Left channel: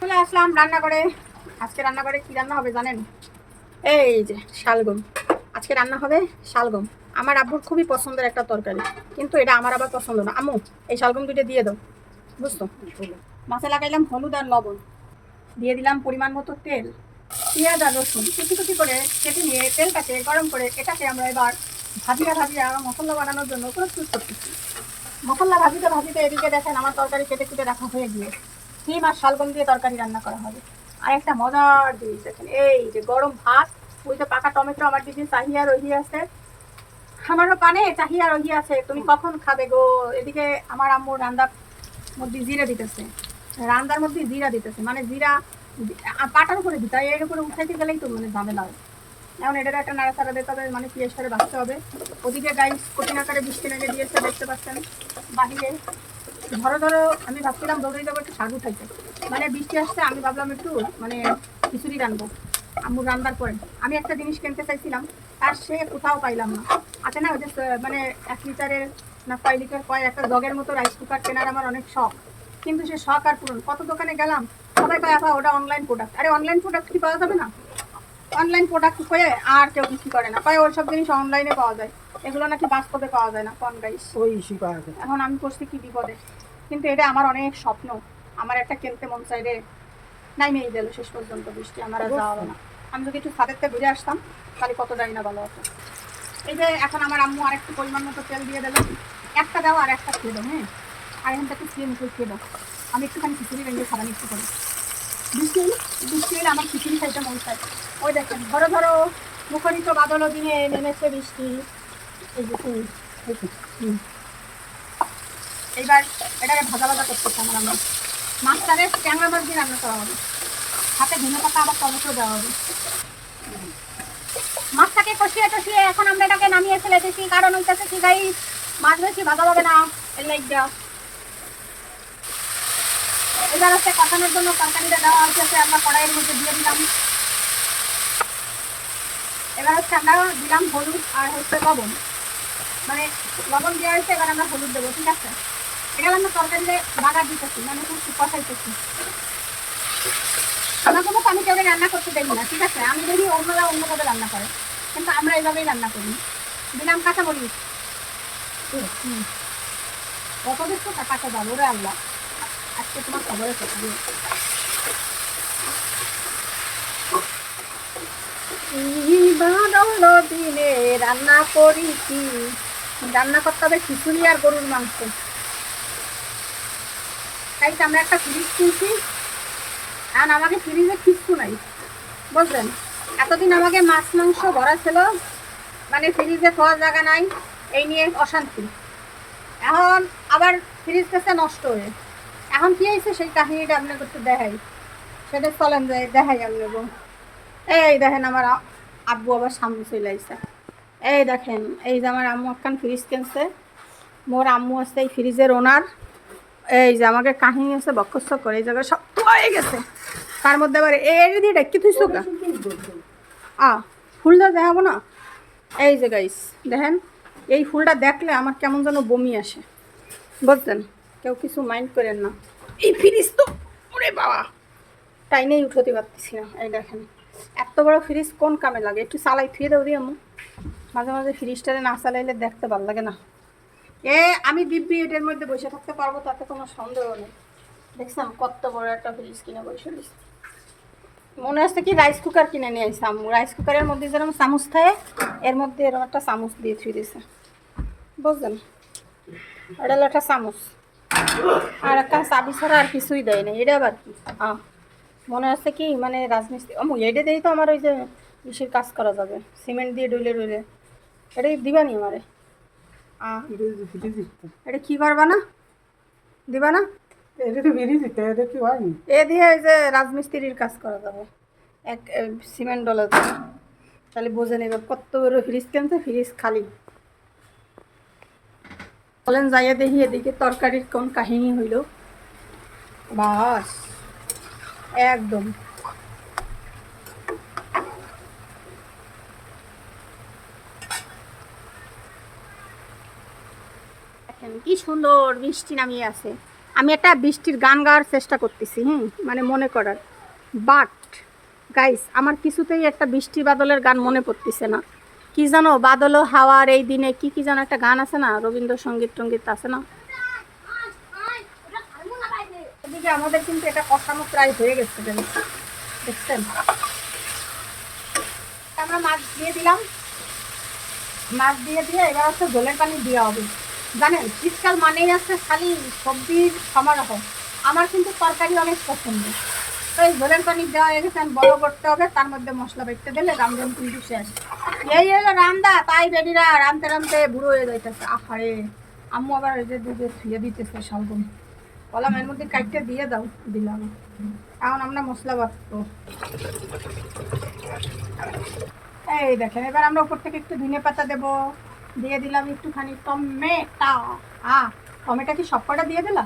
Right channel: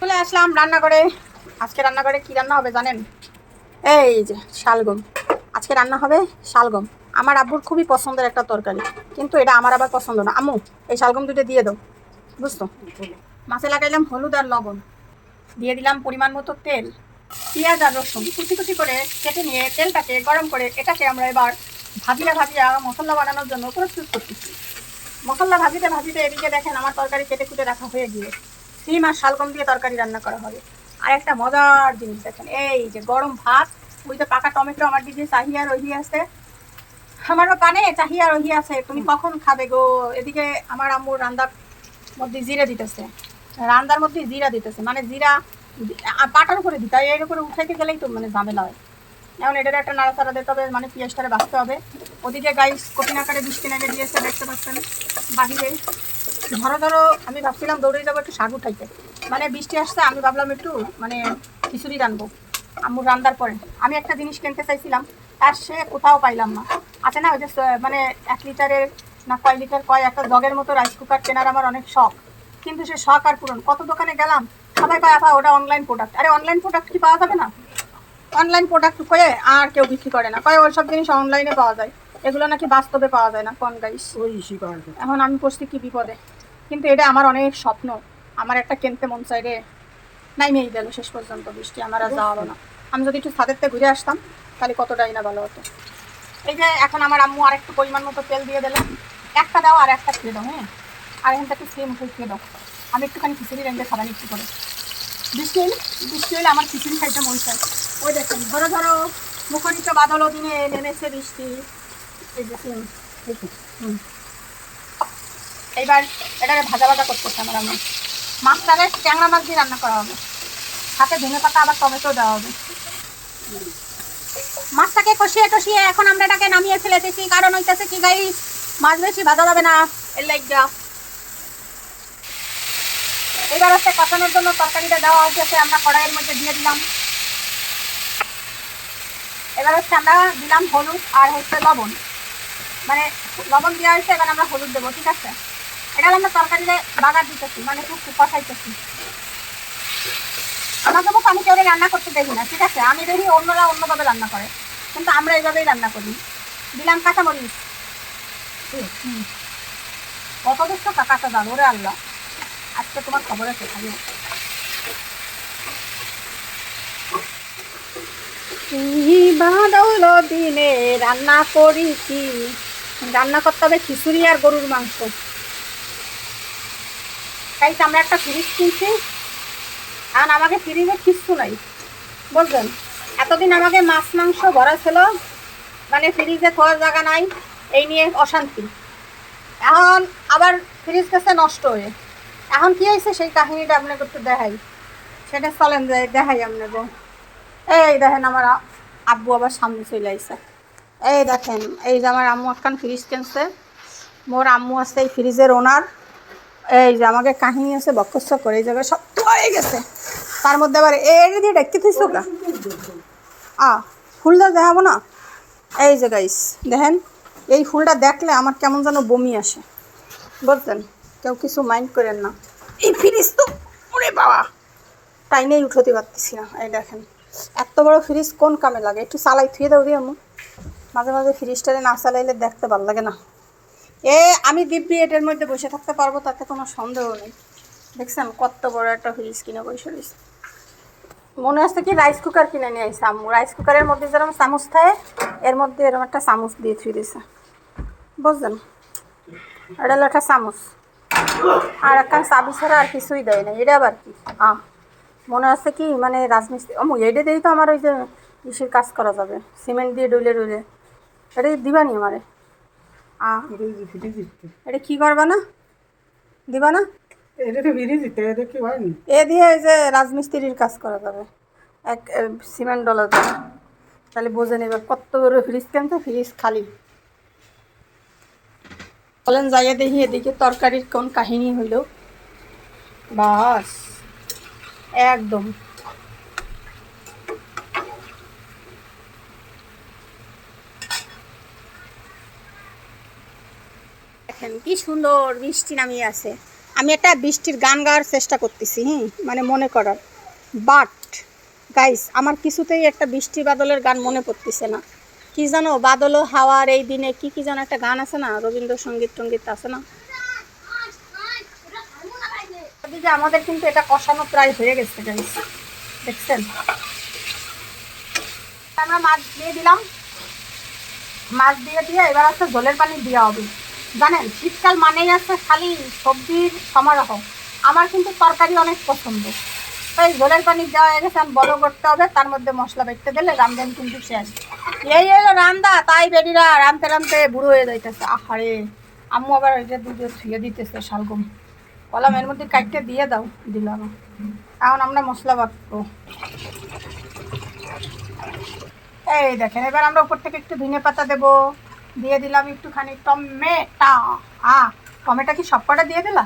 চলে আসলাম রান্না করে আজকে রান্না করে কি রান্না হবে জানেন? এই যে শালগম। আজকে রান্না হবে শালগম। আমার আব্বুর খুবই পছন্দের একটা তরকারি, কিন্তু এটা আমার আবার পছন্দ না। আম্মু, এই শালগম দুটো দিয়ে দাও। বুঝতো মাছে লাগাইলাম হলুদ আর লবণ। দিয়ে দিলাম পরিমাণ মতো তেল, পেঁয়াজ আর রসুন। কুচি কুচি করে কেটে নিয়ে তেলটাকে গরম করে এটাকে আমরা এবার ভাজিয়া ভাজিয়া মশলা বানানোর জন্য প্রস্তুত করতেছি। মশলা ভাজিতে ভাজিতে এদিকে দেখেন আমার তরকারি কেটে কুটে রাখা হয়ে গিয়ে সিম আর শালগম দিয়ে তরকারি রান্না করা হবে। আর একটা মজার জিনিস দেখেন, এই যে গরম ভাত, ওই তো পাকা টমেটো, আমার দিদি চাহিয়া রহি আছে। আমারও পানে চাহিয়া রহি আছে, তুমি কখন খাবে গো? এদিকে আমার আম্মু রান্দার মধ্যে জিরা দিতেছে। রান্দার মধ্যে জিরা দিতেছে মানে জিরা পাটার উপরে দিতে এর উপরে উঠাইতে গেলেই তো মানে ঝামেলা হয়। এখন এটার একটা নাড়াচাড়া দিতে হবে মানে পেঁয়াজটারে বাঁচতে হবে। ওদিকে গাইস কঠিন আকারে বৃষ্টি নেমে দিয়েছে, দেখতে পাচ্ছেন, বাহিরে। ধরো ধরো আমি ভাবছিলাম দৌড়ে যাব একটু শাক উঠাইতে। মানে বৃষ্টি আসছে আমি ভাবলাম একটু মানে খিচুড়ি রানবো আম্মু রান্দার পরে। আমি একটা জিনিস কিনতে চাইছিলাম আর সে কোথাও পাইলাম না। আছে না ওই যে মানে এক লিটারের না কয় লিটার কয় একটা জগের মতো রাইস কুকার কেনার আমার অনেক শখ। কিন্তু সে শখ আর পূরণ। কত দোকানে গেলাম সবাই পায় আপা ওটা অনলাইন প্রোডাক্ট আরে অনলাইন প্রোডাক্ট কি পাওয়া যাবে না? অনলাইন প্রোডাক্ট হয়ে আর কেউ বিক্রি করে না। কয় ওই সব জিনিস অনলাইনে পাওয়া যায়। এগুলো নাকি বাস্তবে পাওয়া যায় না কোন গাইস এখন আমি পড়ছি কি বিপদে? কিন্তু এটা আমার অনেক স্বপ্ন। আমার একটা কিনতে মন চাইলে নাই মেয়ে গেল শেষ পর্যন্ত, বৃষ্টি আমার আর যাওয়া না। আমি যদি একটু ছাদের ঘুরে আসতাম, তাহলে কতটাই না ভালো হতো। এই যে এখন আমার আম্মু আর একটু পরিমাণ মতো তেল দিয়ে দিল। একটা দাও আর একটা খেয়ে দাও হ্যাঁ? আর এখান থেকে সেম খেয়ে দাও। আমি একটুখানি খিচুড়ি রেঞ্জে খাবার একটু করে। বৃষ্টি হলে বৃষ্টি হলে আমার খিচুড়ি খাইতে মন চায়। ওই দেখেন, ধরো ধরো, মুখরিত বাদল দিনে নেমেছে বৃষ্টি। এই যে হুম। এইবার এটাকে ভাজা ভাজা করতেছে আমার আমার মাছটাকে ট্যাংরা মাছ দিয়ে রান্না করা হবে। সাথে ধনে পাতা, আবার টমেটো দেওয়া হবে। মাছটাকে কষিয়ে টষিয়ে এখন আমরা এটাকে নামিয়ে ফেলেতেছি কারণ হইতেছে কি গাই, মাছ বেশি ভাজা যাবে না। এর লাইক দেওয়া এবার হচ্ছে কষানোর জন্য তরকারিটা দেওয়া হয়েছে আমরা কড়াইয়ের মধ্যে দিয়ে দিলাম। এবার হচ্ছে আমরা দিলাম হলুদ আর হচ্ছে লবণ। মানে লবণ দেওয়া হয়েছে এবার আমরা হলুদ দেবো, ঠিক আছে? এটা আমরা তরকারিতে বাগার দিতেছি মানে খুব কষাইতেছি আমাকে মতো আমি কেউ রান্না করতে দেখি না, ঠিক আছে? আমি দেখি অন্যরা অন্যভাবে রান্না করে, কিন্তু আমরা এইভাবেই রান্না করি। দিলাম কাঁচামরিচ। কত দিচ্ছ? কাঁচা দাম ওরে আল্লাহ। আজকে তোমার খবর আছে খালি কি বাদল দিনে? রান্না করি কি? রান্না করতে হবে খিচুড়ি আর গরুর মাংস। তাই তো আমরা একটা ফ্রিজ কিনছি। আর আমাকে ফ্রিজে কিচ্ছু নাই। বুঝলেন? এতদিন আমাকে মাছ, মাংস ভরা ছিল। মানে ফ্রিজে থোয়ার জায়গা নাই। এই নিয়ে অশান্তি। এখন আবার ফ্রিজ কাছে নষ্ট হয়ে। এখন কি হয়েছে সেই কাহিনীটা আপনাকে একটু দেখাই। সেটা চলেন দেখাই আপনাকে। এই দেখেন আমার আব্বু আবার সামনে চলে আইসে। এই দেখেন, এই যে আমার আম্মু একখান ফ্রিজ কিনছে। মোর আম্মু আছে এই ফ্রিজের ওনার এই যে আমাকে কাহিনী আছে বক্ষস্য করে, এই জায়গায় সব হয়ে গেছে। তার মধ্যে আবার এর দিয়ে ডেকে থুইছো গা? আ, ফুলটা দেখাবো না? এই যে গাইস দেখেন, এই ফুলটা দেখলে আমার কেমন যেন বমি আসে। বুঝলেন কেউ কিছু মাইন্ড করেন না। এই ফ্রিজ তো, ওরে বাবা! টাইনেই উঠতে পারতেছি না, এই দেখেন। এত বড় ফ্রিজ কোন কামে লাগে? একটু চালাই থুয়ে দাও দিয়ে আমি মাঝে মাঝে ফ্রিজটারে না চালাইলে দেখতে ভালো লাগে না। এ, আমি দিব্যি এটার মধ্যে বসে থাকতে পারব, তাতে কোনো সন্দেহ নেই। দেখছেন কত বড় একটা ফ্রিজ কিনে বসে রয়েছে। মনে হচ্ছে কি রাইস কুকার কিনে নিয়ে আসছে আম্মু। রাইস কুকারের মধ্যে যেরকম চামচ থাকে, এর মধ্যে এরকম একটা চামচ দিয়ে থুই দিয়েছে বুঝলেন এটা হলো একটা চামচ। আর একটা চাবি ছাড়া আর কিছুই দেয় না এটা আবার কি? আহ মনে হচ্ছে কি মানে রাজমিস্ত্রি ও এটা দিয়েই তো আমার ওই যে ইসের কাজ করা যাবে। সিমেন্ট দিয়ে ডুলে ডুলে। এটা দিবানি আমারে। এটা কি করবা না? দিবা না? এটা তো ফিরে দিতে এটা কি হয়নি এ দিয়ে এই যে রাজমিস্ত্রির কাজ করা যাবে। এক সিমেন্ট ডলার তাহলে বোঝে নেবে কত বড় ফ্রিজ কিনতে ফ্রিজ খালি। বলেন যাইয়া দেখি এদিকে তরকারির কোন কাহিনী হইল। বাস। একদম। দেখেন, কি সুন্দর বৃষ্টি নামিয়ে আছে। আমি একটা বৃষ্টির গান গাওয়ার চেষ্টা করতেছি, হুম? মানে মনে করার। বাট গাইস আমার কিছুতেই একটা বৃষ্টি বাদলের গান মনে পড়তেছে না। কি জানো, বাদল হাওয়ার এই দিনে কি কি যেন একটা গান আছে না, রবীন্দ্রসঙ্গীত টঙ্গীত আছে না? আমাদের কিন্তু এটা কষানো প্রায় হয়ে গেছে গাইস দেখছেন? আমরা মাছ দিয়ে দিলাম। মাছ দিয়ে দিয়ে এবার হচ্ছে জলের পানি দেওয়া হবে। জানেন, শীতকাল মানেই আছে খালি সবজির সমারোহ। আমার কিন্তু তরকারি অনেক পছন্দ। তাই জলের পানি দেওয়া হয়ে গেছে, আমি বড় করতে হবে, তার মধ্যে মশলা বেটতে দিলে রামদান কিন্তু শেষ। এই হলো রামদা, তাই বেরিরা রামতে রামতে বুড়ো হয়ে যাইতেছে। আহারে, আম্মু আবার এটা দুধে ছুঁয়ে দিতেছে শালগম। বললাম এর মধ্যে কাইটটা দিয়ে দাও দিলাম এখন আমরা মশলা বাটবো। এই দেখেন, এবার আমরা উপর থেকে একটু ধনে পাতা দেবো। দিয়ে দিলাম একটুখানি টমেটা। আ টমেটো কি সব কটা দিয়ে দিলা?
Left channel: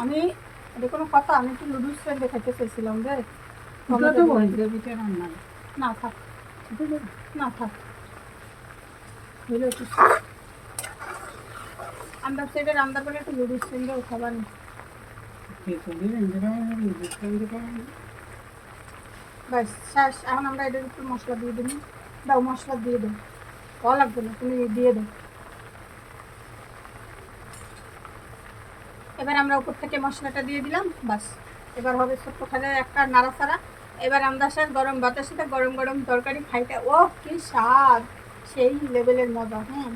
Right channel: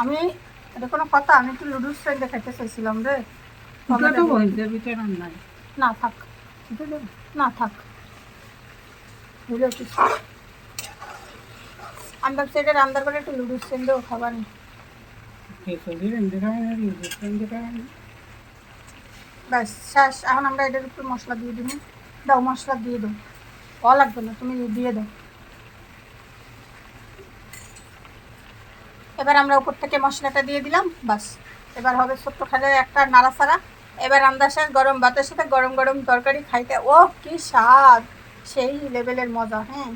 আমি এটা কোনো কথা আমি একটু লুডুস ফ্রেন্ড দেখাইতে চাইছিলাম রে। না থাক। না থাক। আমি ভাবছি এটা রান্নার করে একটু লুডুস ফ্রেন্ডেও খাবার ব্যাস শেষ। এখন আমরা এটার একটু মশলা দিয়ে দিবি। দাও, মশলা দিয়ে দাও। ভালো লাগবে না, তুমি দিয়ে দাও। এবার আমরা উপর থেকে মশলাটা দিয়ে দিলাম, বাস। এবার হবে ছোট্ট খালে একটা নাড়াচাড়া। এবার আমরা শেষ গরম ভাতের সাথে গরম গরম তরকারি খাইতে ও কি স্বাদ! সেই লেভেলের মজা হ্যাঁ?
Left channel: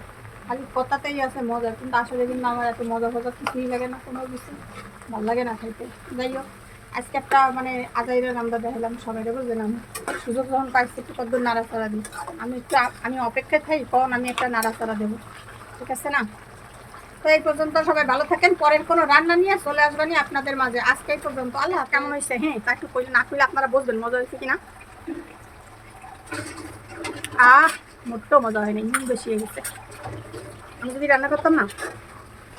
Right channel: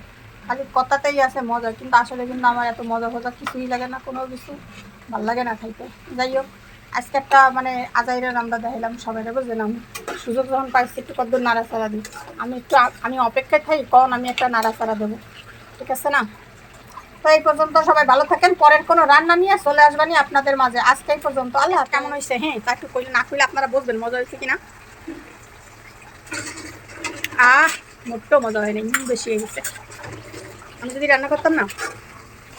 খালি কথাতেই আছে মজা, কিন্তু আসলে কিন্তু আমার এত মজা ফজা কিছুই লাগে না, কোনো কিছু। ভালো লাগে না খাইতে। যাই হোক। আজকে একটা মানে আজাইরের আমরা দেখাইলাম সবাই বুঝলেন আমি সুযোগ যখন পাইছি একটু কত নাড়াচাড়া দিই আমি একটু আমি অপেক্ষায় থাকি কখন আমি একটা নাড়াচাড়া দেবো। ঠিক আছে না? তো এই পর্যন্ত সবাই ভালো থাকেন পরের কোনো রান্না নিয়ে চলে আসবানি আপনাদের মাঝে। আজকে এই পর্যন্ত। আল্লাহ কেমন হয়েছে হ্যাঁ? তা একটু কইলে না কইলে আপনারা বুঝবেন মজা হয়েছে কিনা? আহ মোটো মজা হয় নাই বেশি হয়ে গেছে। আমি যদি রান্না করতাম না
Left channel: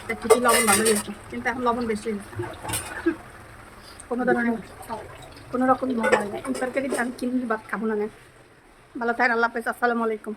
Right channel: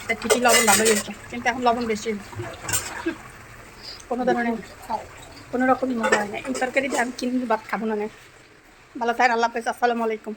তা ঠিকই লবণ ভালো হয়ে যেত কিন্তু এখন লবণ বেশি হয়ে গেছে হুম, কোনো ধরনের কোনো রকমই মজা হয় না এই তরকারি দিয়ে আমি কিনে ভাত খাব নে। ভালো থাকেন, আল্লাহ হাফেজ, আসসালামু আলাইকুম